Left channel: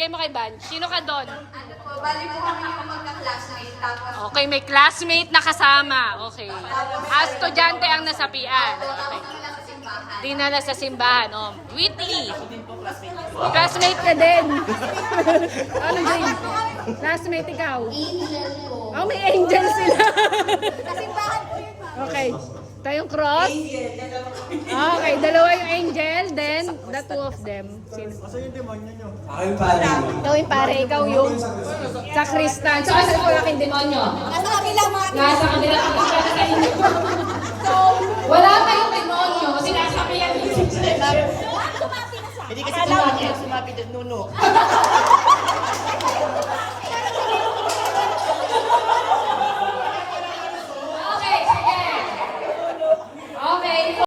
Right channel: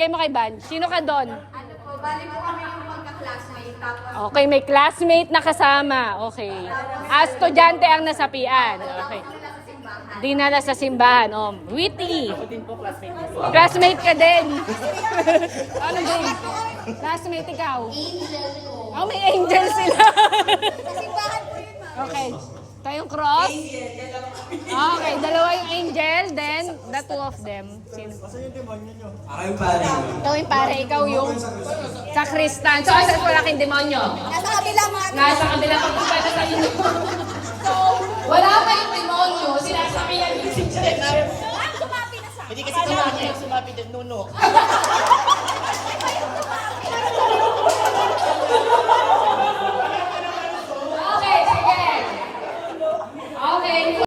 Bigay mo kay Van. Sino ka doon? Ano po, bali po kami yung magka-classmate. Tapos, Okay, may classmate na kasama. Okay. Estudyante ang nasapian. Okay. nila sa simbahan. Dinala sa simbahan. Oh, witty. Classmate ka din. Ano grade? Classmate ikaw? Angel po. Oh, may angel sila. Sa simbahan po yun, ma'am. Okay. Tayong cross. Okay, dalawa yung angel, then the two of them. Sino? Ako yung pare mo. Ikaw yung pare, ikaw yung sakristan. So, asan po laking demonyo? Nasa kabila, ma'am. Nasa kabila ang pwede sa inyo. So, wala kayong demonyo, sinasabihan yung Hindi kasi sinabi, sumabi din nuno.